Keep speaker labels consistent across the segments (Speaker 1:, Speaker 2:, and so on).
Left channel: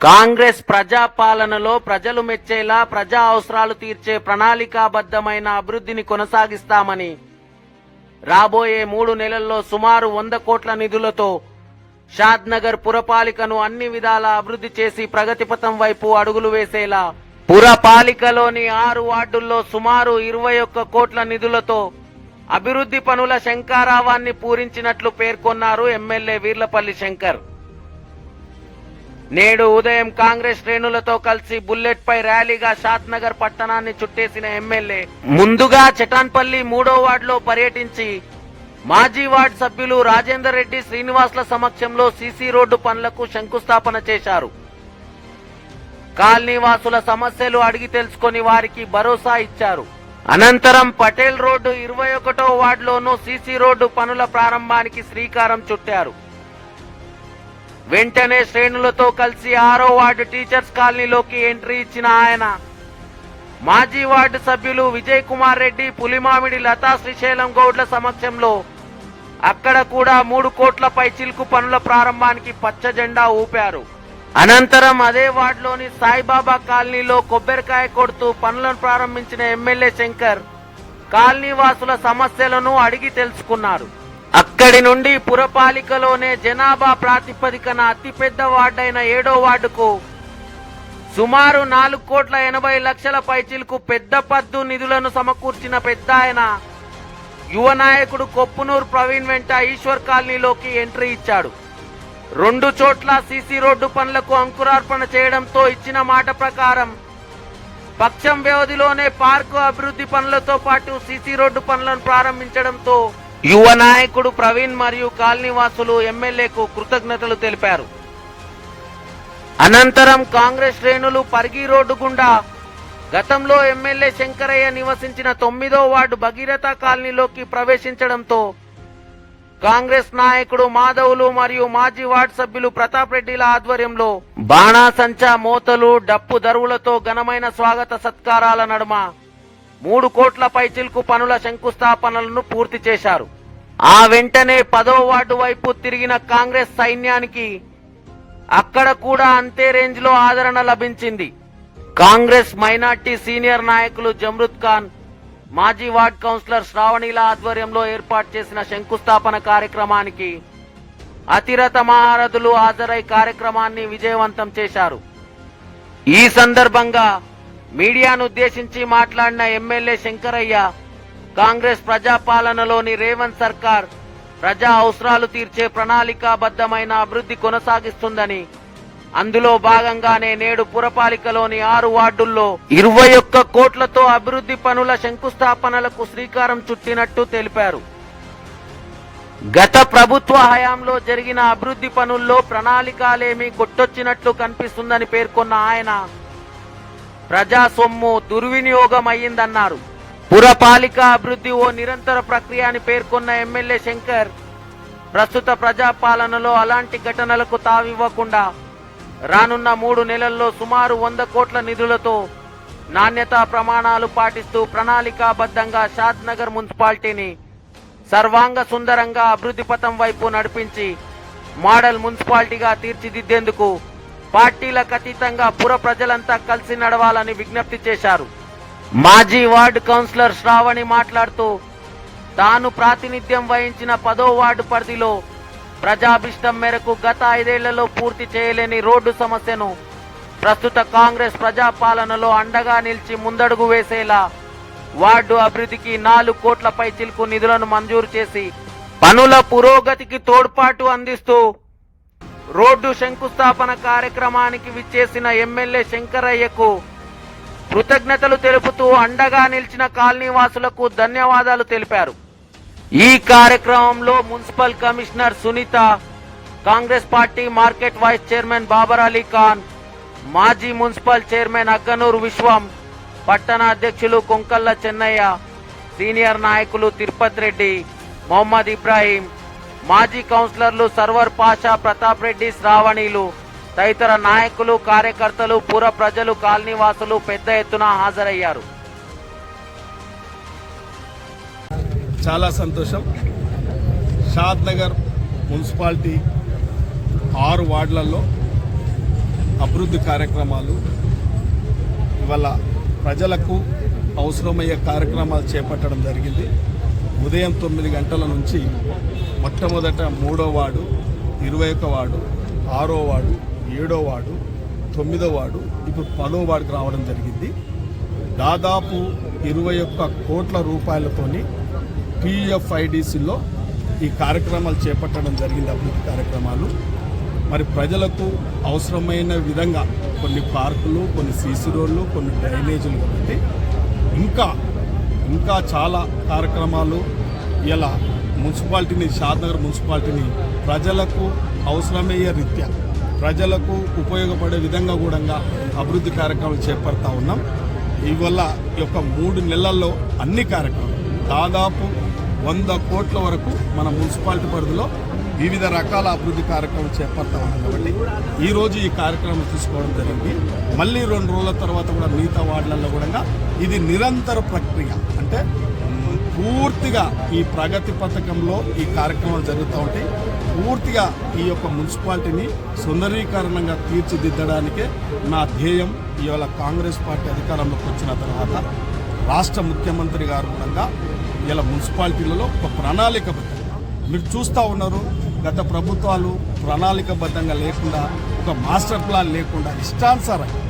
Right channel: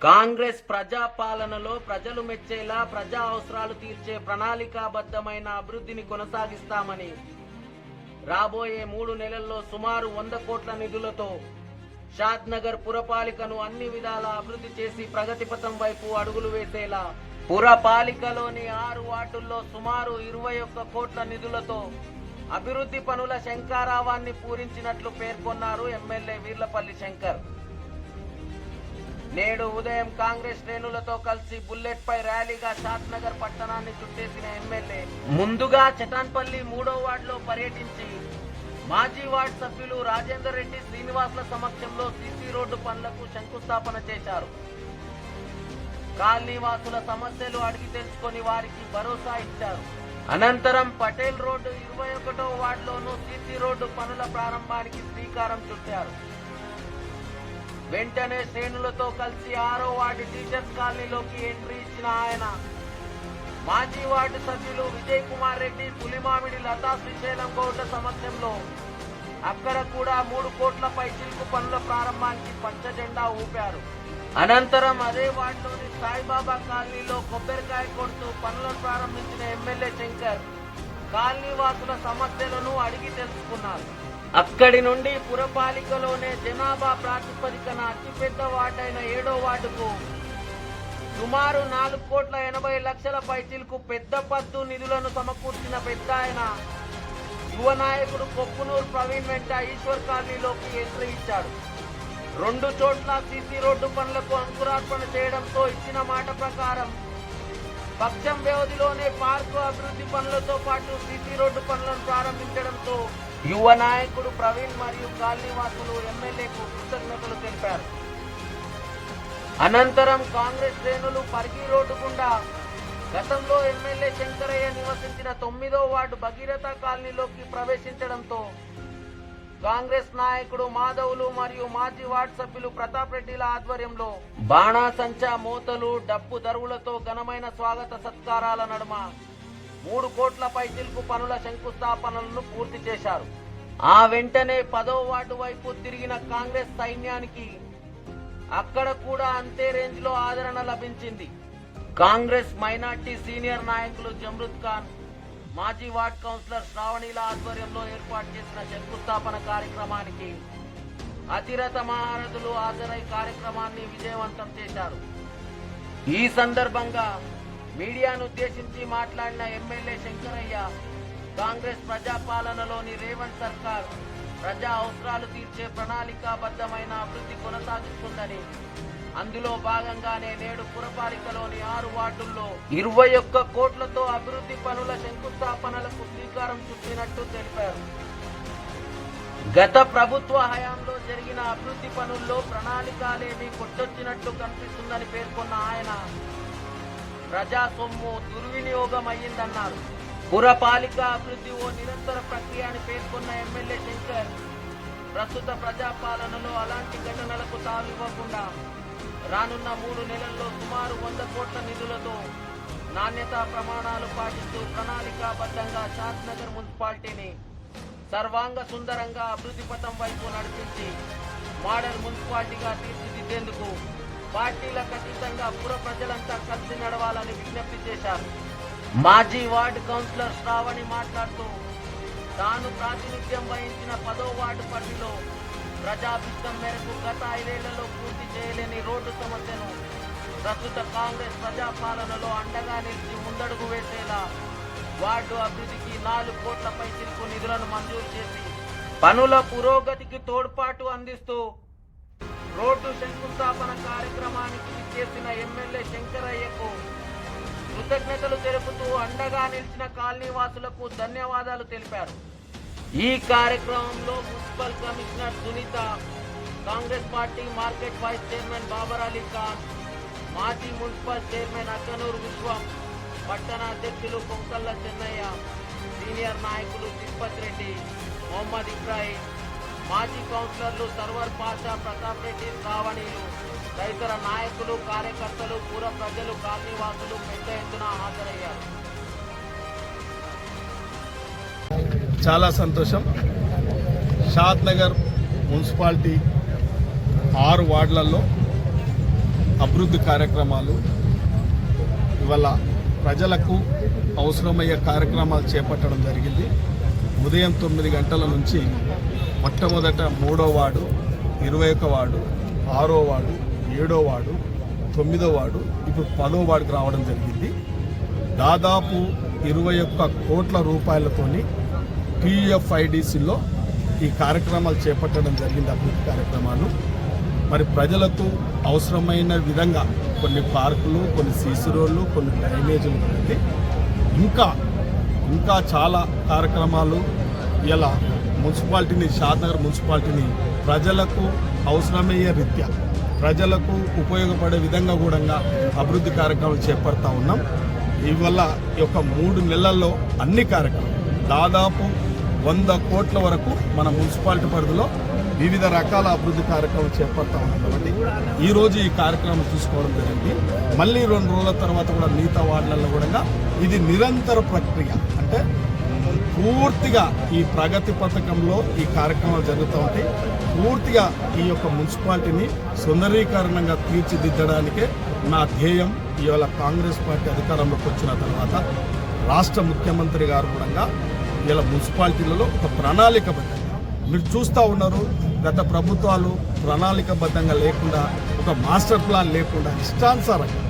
Speaker 1: కాంగ్రెస్ ప్రజాపాలనలో ప్రజలు మెచ్చేలా ప్రజా అవసరాలు తీర్చే ప్రణాళికాబద్ధమైన అభివృద్ధిని కొనసాగిస్తామని రాబోయే మూడు నెలల్లో సుమారు వంద కోట్ల నిధులతో షాద్నగర్ పురపాలికను అన్ని విధాల అభివృద్ధి చేసి ప్రగతిపథం వైపు అడుగులు వేసేలా పురపాలికలోని ఆరు వార్డుల్లో సుమారు ఇరవై ఒక్క కోట్ల నిధులతో అభివృద్ధి పనుల శంకారావాన్ని పూరించినట్లు పేర్కొన్నారు ఎమ్మెల్యే వీర్లపల్లి శంకర్. నేడు ఉదయం కాంగ్రెస్ శ్రేణులతో కలిసి బుల్లెట్ పై ర్యాలీగా షాద్ నగర్ పట్టణాన్ని చుట్టేసిన ఎమ్మెల్యే. ముందుగా చటాన్పల్లి మూడో వార్డులో పర్యటించి మాజీ వార్డ్ సభ్యులు రాజేందర్ రెడ్డి శ్రీనివాసుల సమక్షంలో సీసీ రోడ్డు పనులకు శంకుస్థాపన చేశారు. కాలనీవాసుల సమస్యలు అడిగి తెలుసుకొని వారికి భరోసా ఇచ్చారు. అనంతరం పటేల్ రోడ్డు ఇరవై ఒకటో వార్డులోనూ సీసీ రోడ్డు పనుల ప్రారంభానికి శ్రీకారం చుట్టారు. వెంటనే శ్రేణులతో కలిసి ఆరో వార్డు టీచర్స్ కాలనీలోకి ఎంట్రీ ఇచ్చిన ఆయన. మాజీ వార్డు సభ్యులు విజయ్ కుమార్ రెడ్డి పులిమామిడి లతా శ్రీశైలం గౌడ్ల సమక్షంలో అక్కడ కూడా మూడు కోట్లపై చిలుకు పనుల ప్రారంభానికి పచ్చ జెండా ఊపారు. అనంతరం అదే వార్డులోని సాయిబాబా కాలనీలో కొబ్బరికాయ కొడుతూ పనులను ప్రారంభించిన ఎమ్మెల్యే శంకర్ కాలనీ వాసుల సమస్యలను అడిగి తెలుసుకున్నారు. అక్కడి నుండి పురపాలికలోనే జనాభా ప్రాతిపదికన అతిపెద్ద వార్డైన ఏడో వార్డుకు సుమారు నాలుగు కోట్ల ఎనభై లక్షల పైచిలకు పెద్ద పద్దు నిధులను సమకూర్చిన పెద్ద ఆయన యువ నాయకుడు కొప్పునూరు ప్రవీణ్ వెంట ఈశ్వర్ కాలనీలోకి ఎంట్రీ ఇచ్చాడు. రెండు చోట్ల సీసీ రోడ్డు పనులకు అంకురార్పణ చేయడంతో ఇచ్చిన మాట ప్రకారం పక్షం వ్యవధిలోనే పార్కు అభివృద్ధి పనులతో పాటు సీసీ రోడ్డు పనులను ప్రారంభించడంతో యువ నాయకుడు ప్రవీణ్ మరియు కాలనీవాసులు ఎమ్మెల్యేకు కృతజ్ఞతలు తెలిపారు. అనంతరం కాంగ్రెస్ శ్రేణులు పరిగి రోడ్డు గుండా గతంలో ఎమ్మెల్యే శంకరయ్య నివసించిన తొమ్మిదో వార్డు భగీరథ కాలనీలోకి ప్రవేశించడంతో కాంగ్రెస్ నాయకుడు మాధవులు మరియు మాజీ వార్డు సభ్యులు ప్రతాప్ రెడ్డిల ఆధ్వర్యంలో బాణాసంచా మోతలు డప్పు దరువులతో ఘనమైన స్వాగత సత్కారాల నడుమ మూడు కోట్ల పైచిల్కు పనుల శంకుస్థాపనలను పూర్తి చేశారు. ఆ వెంటనే పదో వార్డు వైపు తిరిగిన కాంగ్రెస్ సైన్యానికి అక్కడ కూడా అంతే రేంజ్లో ఆదరణ లభించింది. కాంగ్రెస్ మైనార్టీ సీనియర్ నాయకులు జమ్రుద్ ఖాన్ మాజీ వార్డ్ కౌన్సిలర్ శ్రావణిల ఆధ్వర్యంలో ఏర్పాటు చేసిన శంకుస్థాపన కార్యక్రమానికి అతిరథ మహారథులు హాజరై కార్యక్రమాన్ని విజయవంతం చేశారు. ఈ సందర్భంగా మీడియాను ఉద్దేశించి మాట్లాడిన ఎమ్మెల్యే శంకరయ్య కాంగ్రెస్ ప్రజాపాలనలోని రేవంత్ సర్కార్ ప్రజా అవసరాలు తీర్చే ప్రణాళికాబద్ధమైన అభివృద్ధి కొనసాగిస్తుందని అందులో భాగంగానే నేడు పురపాలికలోని ఆరు వార్డుల్లో ఇరవై ఒక్క కోట్లతో అభివృద్ధి పనుల శంకుస్థాపనలకు శ్రీకారం చుట్టినట్టు తెలిపారు. గత ప్రభుత్వ హయాంలో జరిగిన అభివృద్ధి పనుల్లో ప్రణాళికలేమీ కొట్టొచ్చినట్లు కనిపిస్తుందని పేర్కొన్న ఆయన ప్రజా సొమ్ము దుర్వినియోగం అయ్యిందన్నారు పురపాలిక అభివృద్ధి ఓ నిరంతర ప్రక్రియ అని పేర్కొన్న ఎమ్మెల్యే శంకర్ ప్రస్తుత ప్రజాపాలనలో అలాంటి ఘటనలకు తావివ్వకుండా రానున్న మూడు నెలల్లో సుమారు వంద కోట్ల నిధులతో నాణ్యతా ప్రమాణాలు పాటిస్తూ ప్రణాళికాబద్ధంగా షాద్ నగర్ మున్సిపాలిటీని సర్వాంగ సుందరంగా అభివృద్ధి పథం వైపు నడిపించి మోడల్ మున్సిపాలిటీగా తీర్చిదిద్దేందుకు పార్టీలకు అతీతంగా పుర ప్రజలంతా కలిసి నడవాలని విజ్ఞప్తి చేశారు. మాజీ వార్డు కౌన్సిలర్ శ్రావణి మాట్లాడుతూ తాను ప్రాతినిధ్యం వహించిన పదో వార్డు పరిధిలో ప్రజాభిష్టం మేరకు గత ఐదేళ్ళలో పూర్తి చేయలేని రోడ్డు సమస్యను ప్రస్తుత కాంగ్రెస్ ప్రజాపాలనలో అండగా నిలిచి ముందడుగు వేసేలా వార్డు అభివృద్ధికి నాలుగు కోట్లపై చిలుకు నిధులను మంజూరు చేసి పనుల పురోగతికి తోడ్పాటు అందిస్తూ రోడ్డు శంకుస్థాపన కార్యక్రమానికి విచ్చేసిన ఎమ్మెల్యే శంకరయ్యకు కృతజ్ఞతలు తెలుపుతూ అండగా నిలిచిన కాలనీవాసులకు ధన్యవాదాలు తెలిపారు. ఈ కార్యక్రమంలో municipal commissioner Sunitha Congress party market vice chairman Babar Ali Khan మాజీ మున్సిపల్ చైర్మన్ అగ్గనూరు విశ్వం పట్టణ అధ్యక్షులు కొంకల్ల చెన్నయ్య సీనియర్ నాయకులు తిరుపతి రెడ్డి మొహమ్మద్ ఇబ్రాహీం మాజీ కౌన్సిలర్లు సర్వర్ పాషా ప్రతాప్ రెడ్డి శ్రావణిలు. తదితర నాయకులు కార్యకర్తలు పుర ప్రజలు కాలనీవాసులు పెద్ద ఎత్తున హాజరయ్యారు.
Speaker 2: చాలా సంతోషం. షాద్ నగర్ మున్సిపాలిటీ ఆరు వార్డులలో అభివృద్ధి కార్యక్రమాలు ఇవాళ ప్రజలకు అవసరమయ్యే కార్యక్రమాలు చేపట్టడం జరిగింది. ఉదయం తొమ్మిది గంటల నుంచి మొట్టమొదట మూడో వాడు ఇరవై ఒక వాడు ఆరో వాడు ఏడో వాడు తొమ్మిదో వాడు ఇప్పుడు పదో వార్డుకు రావడం జరిగింది. దాదాపు ఇరవై ఒక్క కోట్ల రూపాయలతోని పిఎఫ్ఐడిసిలో ఈ కార్యక్రమాలు చేపట్టడం జరిగింది అభివృద్ధి కార్యక్రమాలు. మరి ప్రజలకు అవసరమైన విధంగా కొన్ని పార్కులు కొన్ని సీసీ రోడ్లు కొన్ని డ్రైనేజీలు కాబట్టి ఇంకా ఇంకా చాలా కార్యక్రమాలు ఇలా మున్సిపాలిటీని షాద్నగర్ మున్సిపాలిటీని ప్రజలకు అవసరమయ్యే రీత్యా ప్రజలకు ఉపయోగపడే విధంగా కూడా అభివృద్ధి కార్యక్రమాలు చేపడతా ఉన్నాం. ఇవల్ల ఈ యొక్క మూడు నెలల్లో అన్ని కార్యక్రమాలు దాదాపు వంద కోట్ల వరకు మన మున్సిపాలిటీ పరిధిలో వివిధ రకాల అభివృద్ధి కార్యక్రమాలు చేపడతా ఉన్నాం కాబట్టి ఈరోజు ఈ కార్యక్రమం తీసుకోవడం జరిగింది. మళ్ళీ రెండు రోజుల తర్వాత కూడా మిగతా వార్డులలో కూడా ఇది నిరంతర ప్రక్రియ. అంటే పూర్తిగా ఈ ప్రగతి పథకంలో ఈ కార్యక్రమాలు జరుగుతూ ఉంటాయి. పూర్తిగా ఈ యొక్క మున్సిపాలిటీని సుందరీకరణంగా తీర్చిదిద్దడానికే నా ధ్యేయం. ఇవాళ కాంగ్రెస్ పార్టీ అధికారంలోకి వచ్చిన తర్వాత రాష్ట్ర ముఖ్యమంత్రి గారు కూడా ఇలా మున్సిపాలిటీలలో ఒక ప్రణాళికబద్ధంగా మీరు చూస్తూ ఉన్నారు గత ప్రభుత్వాలు ప్రణాళికబద్ధంగా లేకుండా ఒక మాస్టర్ ప్లాన్ లేకుండా ఇష్టానుసారంగా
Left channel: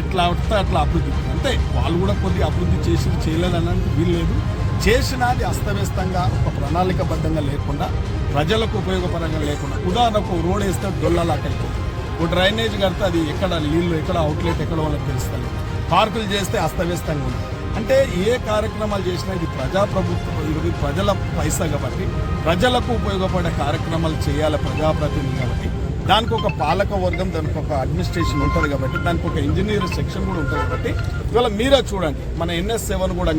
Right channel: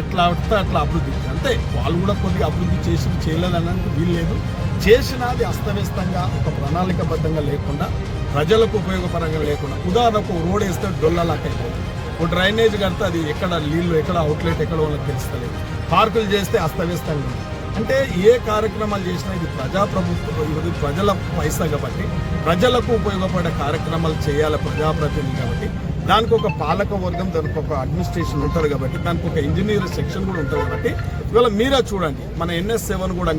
Speaker 2: ఎట్లా పడితే అట్లా అభివృద్ధి. అంటే వాళ్ళు కూడా కొద్దిగా అభివృద్ధి చేసి చేయలేదనడానికి వీల్లేదు. చేసినది అస్తవ్యస్తంగా ఒక ప్రణాళికబద్ధంగా లేకుండా ప్రజలకు ఉపయోగపరంగా లేకుండా ఉదాహరణకు రోడ్ వేస్తే డొల్లలాక్ అయిపోతుంది. ఒక డ్రైనేజ్ కడితే అది ఎక్కడ నీళ్ళు ఎక్కడ అవుట్లెట్ ఎక్కడ వాళ్ళకి తెలుస్తలేదు. పార్కులు చేస్తే అస్తవ్యస్తంగా ఉంది. అంటే ఏ కార్యక్రమాలు చేసినా ఇది ప్రజాప్రభుత్వం ఇది ప్రజల పైసా కాబట్టి ప్రజలకు ఉపయోగపడే కార్యక్రమాలు చేయాలి ప్రజాప్రతినిధి కాబట్టి దానికి ఒక పాలక వర్గం దానికి ఒక అడ్మినిస్ట్రేషన్ ఉంటుంది కాబట్టి దానికి ఒక ఇంజనీర్ సెక్షన్ కూడా ఉంటుంది కాబట్టి ఇవాళ మీరే చూడండి. మన ఎన్ఎస్ సెవెన్ కూడా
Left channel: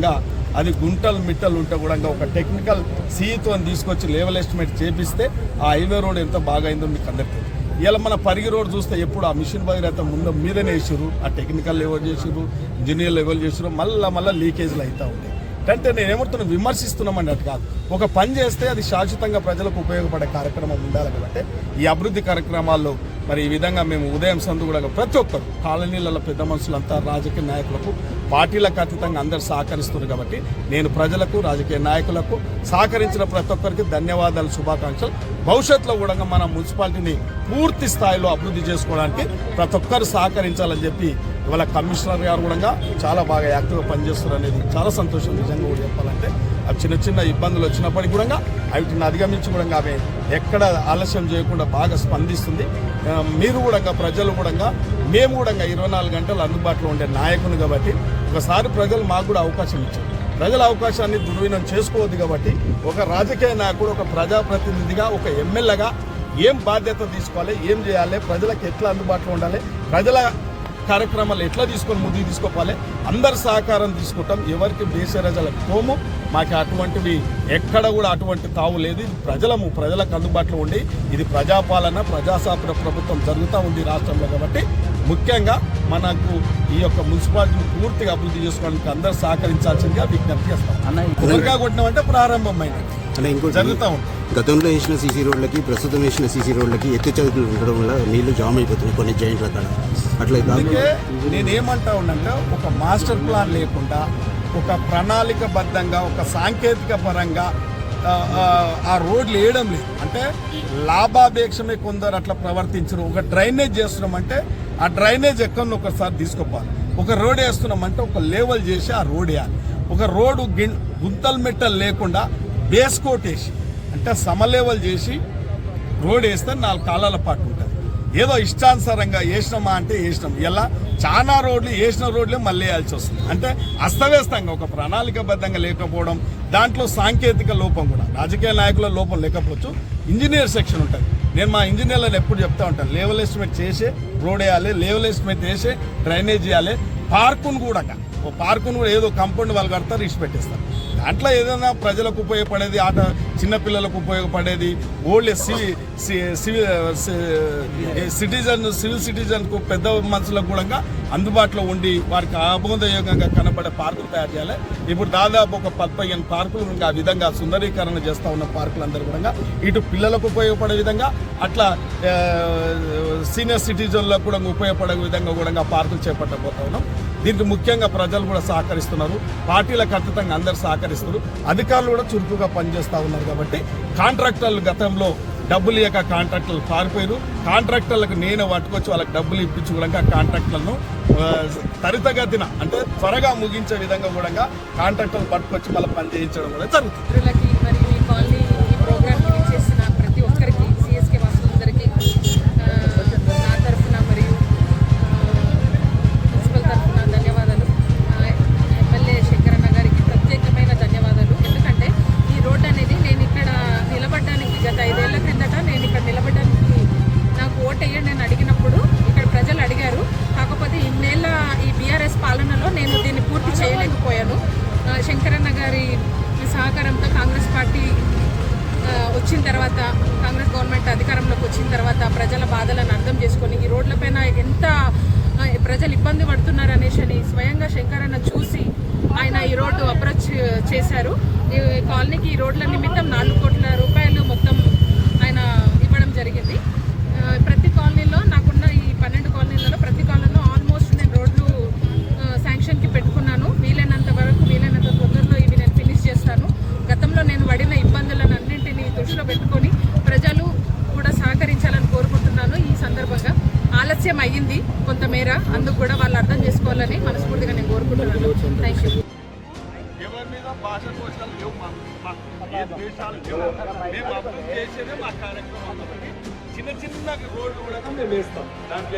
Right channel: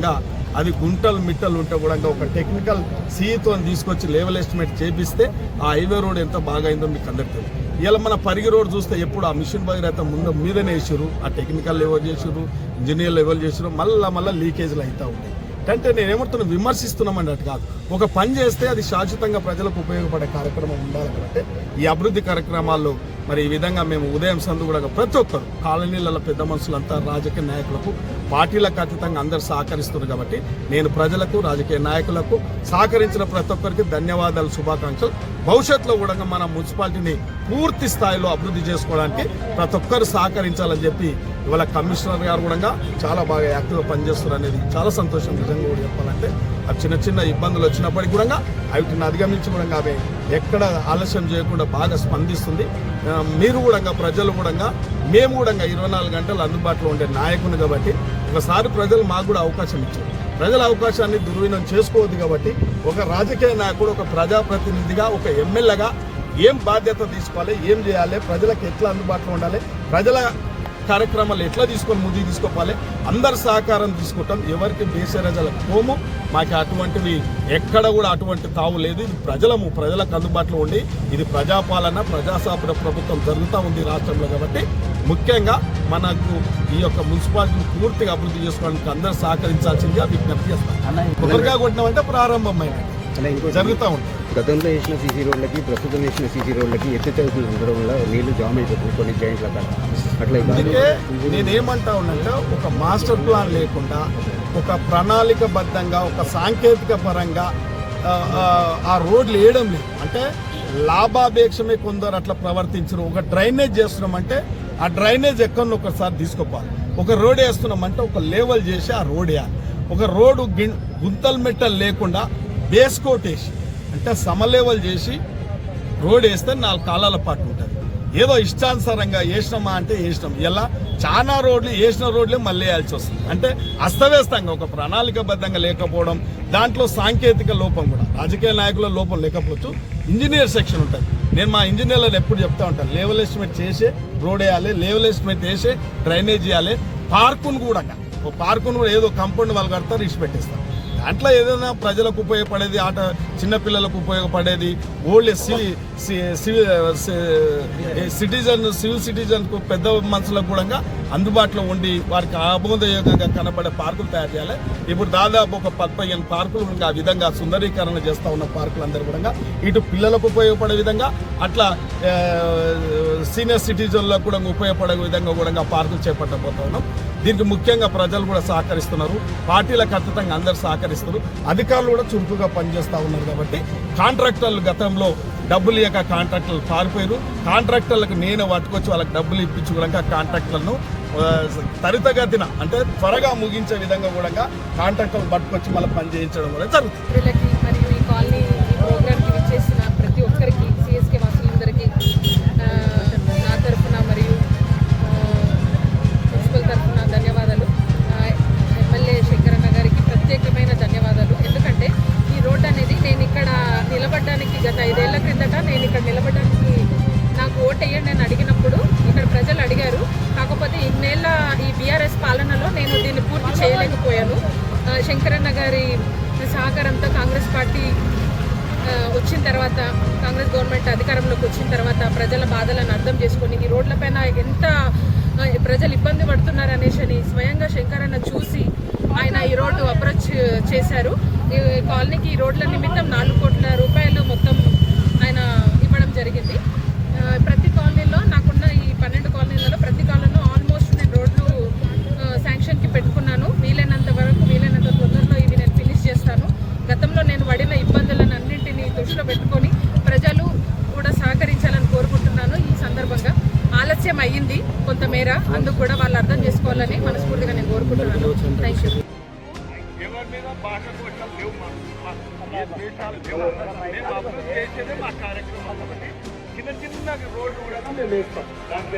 Speaker 2: అది గుంటలు మిట్టలు ఉంటే కూడా ఒక టెక్నికల్ సీతో తీసుకొచ్చి లెవెల్ ఎస్టిమేట్ చేపిస్తే ఆ హైవే రోడ్ ఎంత బాగా అయిందో మీకు అందరికీ తెలుసు. ఇలా మన పరిగి రోడ్ చూస్తే ఎప్పుడు ఆ మిషన్ భగీరథ ముందు మీదనే వేసారు ఆ టెక్నికల్ లెవెల్ చేసారు ఇంజనీర్ లెవెల్ చేసారు మళ్ళా మళ్ళీ లీకేజ్లు అవుతూ ఉంటాయి అంటే నేను ఏమంటున్నా విమర్శిస్తున్నాం అన్నట్టు కాదు ఒక పని చేస్తే అది శాశ్వతంగా ప్రజలకు ఉపయోగపడే కార్యక్రమం ఉండాలి కాబట్టి ఈ అభివృద్ధి కార్యక్రమాల్లో మరి ఈ విధంగా మేము ఉదయం సందు కూడా ప్రతి ఒక్కరు కాలనీలలో పెద్ద మనుషులంతా రాజకీయ నాయకులకు పార్టీలకు అతీతంగా అందరు సహకరిస్తున్నారు కాబట్టి నేను ప్రజలకు రాజకీయ నాయకులకు సహకరించిన ప్రతి ఒక్కరికి ధన్యవాదాలు శుభాకాంక్షలు. భవిష్యత్తులో కూడా మన మున్సిపాలిటీని పూర్తి స్థాయిలో అభివృద్ధి చేసుకోవడానికి ప్రతి ఒక్కరు సహకరించాలని చెప్పి ఇవాళ కమిషనర్ గారు కూడా చాలా బాగా యాక్టివ్గా పనిచేస్తారు అనేది చాలా సంతోషం. నిజంగా కూడా చెప్పాలంటే అవి చిన్న చిన్న ఇబ్బందులు వచ్చినప్పటికీ కూడా వాటిని అధిగమించి కూడా ఆమె ఎక్కడ ఆలస్యం చేయకుండా బాగా స్పందిస్తుంది. మీరు కూడా ప్రజలు కూడా మేము కూడా ఇరవై నాలుగు గంటలు అందుబాటులో ఉండే నాయకుని కాబట్టి ఒకసారి ప్రజలు మాకు కూడా అవకాశం ఇచ్చారు. ప్రజల అవకాశాన్ని దుర్వినం చేసుకోవద్దు కాబట్టి ఒక రాజకీయ నాయకుడు ఒక ప్రజాప్రతినిధిగా ఒక ఎమ్మెల్యేగా ఏం బాధ్యత తీసుకోవాలి ఏం చేయాలి ప్రజలకు ఎట్లా అందుబాటులో ఉండాలి ప్రజల కార్యక్రమాలు ఎట్లా తీసుకొని ముందుకు తీసుకోవాలి అందరి సహకారం తీసుకుంటాం. ఎవరికి బేసరజలకు కోము మాకు అటువంటివి ఎక్కడ కూడా అటువంటి తావు లేదు. ఇది ప్రజలము ప్రజలకు అందుబాటులో ఉండి ఇది ప్రజాపాలన ప్రజాసాపన ప్రభుత్వం జరుగుతూ ఉంది రాష్ట్రంలో కాబట్టి ముఖ్యంగా మనకు ఈ యొక్క మున్సిపాలిటీని పూర్తిగా అభివృద్ధి చేసుకోవడానికి అందరూ సహకరించాల్సిందిగా విజ్ఞప్తి చేస్తాం. కొబ్బరికాయ కొట్టినామంటే ప్రారంభమైనది
Speaker 3: అంటే
Speaker 2: జరుగుతూ ఉంటుంది
Speaker 3: గతంలో వేసిన సీసీ రోడ్లకి ప్రస్తుతం వేసిన సీసీ రోడ్లకి ఎత్తు చదువులు ఉండడం వల్ల నీళ్ళు జామ్ అయిపోతుంది కొన్ని జాయింట్ల కాడ అట్లా.
Speaker 2: అందుకే నేనేమంటా ఉన్నంటే ఒక మాస్టర్ ప్లాన్ లేకుండా ఒక ప్రణాళికబద్ధంగా ఒక సాంకేతిక పరంగా ఆ, రోడ్లు వేయడం లేదు. అంటే లాభాపేక్షమే కొందరు అట్లా ప్రవర్తించరు. ఒక డ్రైనేజ్ చేస్తున్నామంటే ఆ డ్రైనేజ్ ఎక్కడో ఒకసారి తీసుకోపోవాలి. ఒక రోడ్ వేస్తున్నామంటే ఒక లేవల్ చేసి ఆ రోడ్ వేయాలి. ఒక రోడ్డు గుంతలు మెట్టలు లేకుండా బేస్ కోట్ వేసి అంటే లేవల్ చేసి రోడ్ వేస్తే నాలుగు కాలాల పాటు ఉంటుంది. ఏదో ఇష్టానుసారంగా వేసినామా అంటే వేసినాం. ఇలా చాలా రోడ్లు వేసిన రోడ్లే మళ్ళీ వేయాల్సి వస్తుంది. అంటే అస్తవ్యస్తంగా ఒక ప్రణాళికబద్ధంగా లేకపోవడం దాంట్లో సాంకేతిక లోపం కూడా రాజకీయ నాయకుల లోపం లేకపోవచ్చు ఇంజనీర్ సెక్షన్ ఉంటుంది. నేను మా ఇంజనీర్లను ఎప్పుడు చెప్తా ఉంటాను లేవల్ ఎస్టిమేట్ చేసే రోడ్ వేయాలి లేవల్ ఎస్టిమేట్ వేసే డ్రైనేజ్ చేయాలి పార్కును కూడా ఓ పార్కును కూడా ఏదో కంపౌండ్ వాళ్ళు కడతారు ఇచ్చి పెట్టేస్తారు. దాంట్లో ఏదైనా ప్రజలకు ఉపయోగపడేది ఆట చిన్నపిల్లలకు ఉపయోగపడేది ఓల్డ్ సివి సివిల్ సిటిజన్ సివిల్ సిటిజన్కు పెద్ద మనుషులకు కూడా అందుబాటులో ఉండి వారికి ఆమోదయోగంగా కనబడే పార్కులు తయారు చేయాలి. ఇప్పుడు దాదాపు ఒక పదిహేను పార్కులు ఆ విధంగా సుందరీకరణ చేస్తూ ఉన్న పార్కులు అందరూ కూడా ఇటు పిల్లలకు ఉపయోగపడే విధంగా అట్లా సీనియర్ సిటిజన్లకు కూడా ఉపయోగపడే విధంగా కూడా పార్కులు చేపట్టబోతున్నాం. దీనికి ముఖ్యంగా ప్రజలు కూడా సహకరిస్తున్నారు. పార్టీలకు ఖచ్చితంగా అందరు సహకరిస్తున్నారు. అధికారులు కూడా చురుకుగా పనిచేస్తూ ఉన్నారు కాబట్టి కాంట్రాక్టర్లు గతంలో డబ్బులు ఇవ్వక కాంట్రాక్టర్లు పారిపోయారు. కాంట్రాక్టర్లకు నేను పట్టుకొచ్చి వాళ్ళకి డబ్బులు ఇప్పించి కూడా కాంట్రాక్టర్లను తరితగతిన త్వరితగతిన అంటే త్వరగా ముగించే విధంగా కూడా కాంట్రాక్టర్లు పట్టుకొచ్చి మళ్ళీ పని చేయించడం కూడా జరుగుతుంది.
Speaker 4: నాకు ఓటు వేయండి అని అడిగినప్పుడు ఇక్కడ ప్రజలు అడిగారు. కాకపోతే ఇన్నేళ్ళ ఈ బీఆర్ఎస్ పాలనలో నేను దీన్ని పూర్తి చేయలేకపోయాను. శంకరన్న గారి సహకారంతో కాంగ్రెస్ పార్టీ వచ్చిన తర్వాత కాంగ్రెస్ గవర్నమెంట్ అధికారంలోకి వచ్చిన తర్వాత ప్రజల బాధలను అర్థం చేసుకొని ఈ రోడ్లపైన ఎంత ప్రజలు ఇబ్బంది పడుతున్నారు అనేసి అని స్వయంగా శంకరన్న చూసి ఆయన ఈ రోడ్డు అప్రోచ్ చేశారు. ఈ కాలనీకి ఈ రోడ్ల నిమిత్తం నాలుగు కోట్ల రూపాయలు మొత్తం ఆయన ఇవ్వడం జరిగింది.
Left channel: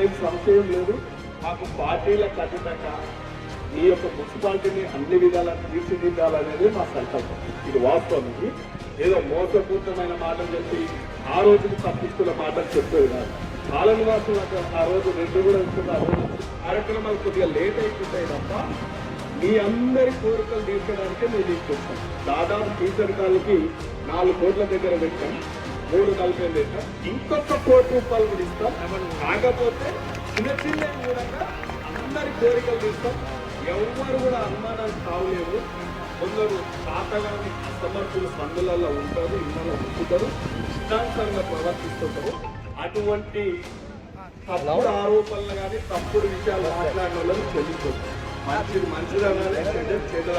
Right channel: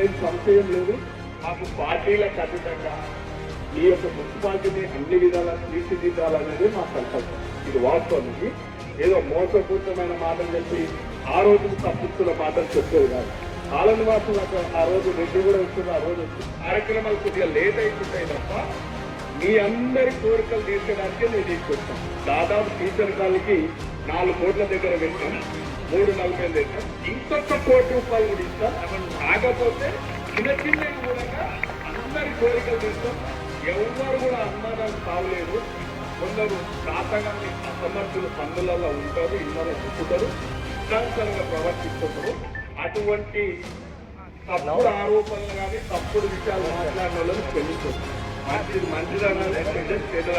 Speaker 2: దాంట్లో ఏం సంశయం లేదు. మాకు పార్టీలకు అతీతంగా ఈ యొక్క మున్సిపాలిటీని అన్ని విధాలా తీర్చిదిద్దాలనేది మా సంకల్పం. ఇది వాస్తవానికి ఏదో మోసపూరితమైన మాటలు చెప్పి ఆ రోజుకి తప్పిస్తున్న మాటలు చెప్పేది కాదు. కాలని వాసులకు ఆ రోజు రెడ్డి కూడా ఇస్తుంది ఆ రోజు కార్యక్రమాలు కొద్దిగా లేట్ అయిపోతాయి తప్ప మీ అందరి కోరికలు తీర్చడానికే మేము తీసుకొస్తాం దాదాపు టీచర్ కాలకి నాలుగు కోట్ల దగ్గర పెట్టాం. మూడు నలభై ఇస్తాం. ఇంకొక కోటి రూపాయలు కూడా ఇస్తాం కాకపోతే చిన్న చిన్న కూడా అందరి కోరికలు తీస్తాం. ఎవరు కూడా అనుమానాలు కావలేదు కొందరు తాతగాని అసమర్థులు పనులలో ఉంటారు ఇళ్ళలో ఉంచుతారు ఇష్టాంతరంగా ప్రవర్తిస్తుంటారు. అటువంటి తప్పుడు ఆరోపణలు కానీ తప్పుడు విషయాలు మాట్లాడిన వాళ్ళని తెలుస్తుంది మంచిది మంచిది అనాలి చెడ్డది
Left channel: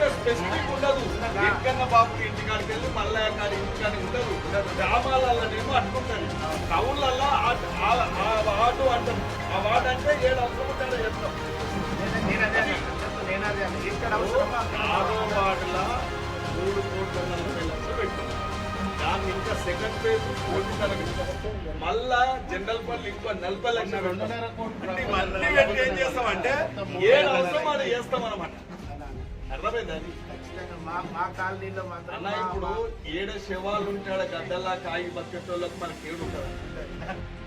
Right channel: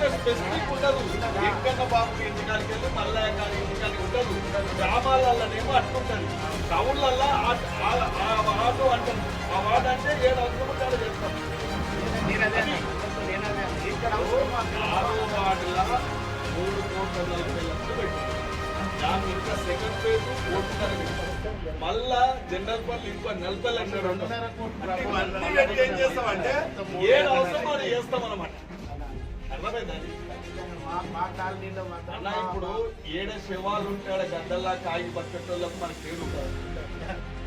Speaker 2: అనాలి స్పెసిఫిక్ ఉండదు. ఎక్కన్న బాబు ఇంటికాడికి వెళ్ళి మళ్ళా కాడి ఇంటికాడికి ఉండదు. గ్రామాలలోనేమో అట్టుకుంటుంది టౌన్లల్లో ఆ- ఆ వార్డు అంటాం. ఆ వార్డు అంటే ఏడు అవసరం ఉంటాడో ఆడ చేస్తాం ఆరో వార్డుల మూడు కోట్ల నలభై లక్షలు పెట్టాం దాన్ని ఇంకా సెకండ్ ఫేజ్ కోటిన్నర మళ్ళా జనరల్ పల్లి ఇంకో నలభై లక్షలు అంటే ఇవన్నీ ఏం చేస్తామంటే ఏడు అవసరం అది చేస్తాం అనమాట అన్న ఇప్పుడు ఏడు శవాలు ఉంటాడు గడ్డల్లా కాగి బతికెట్టోళ్ళకు మన పేరు ఉంటుంది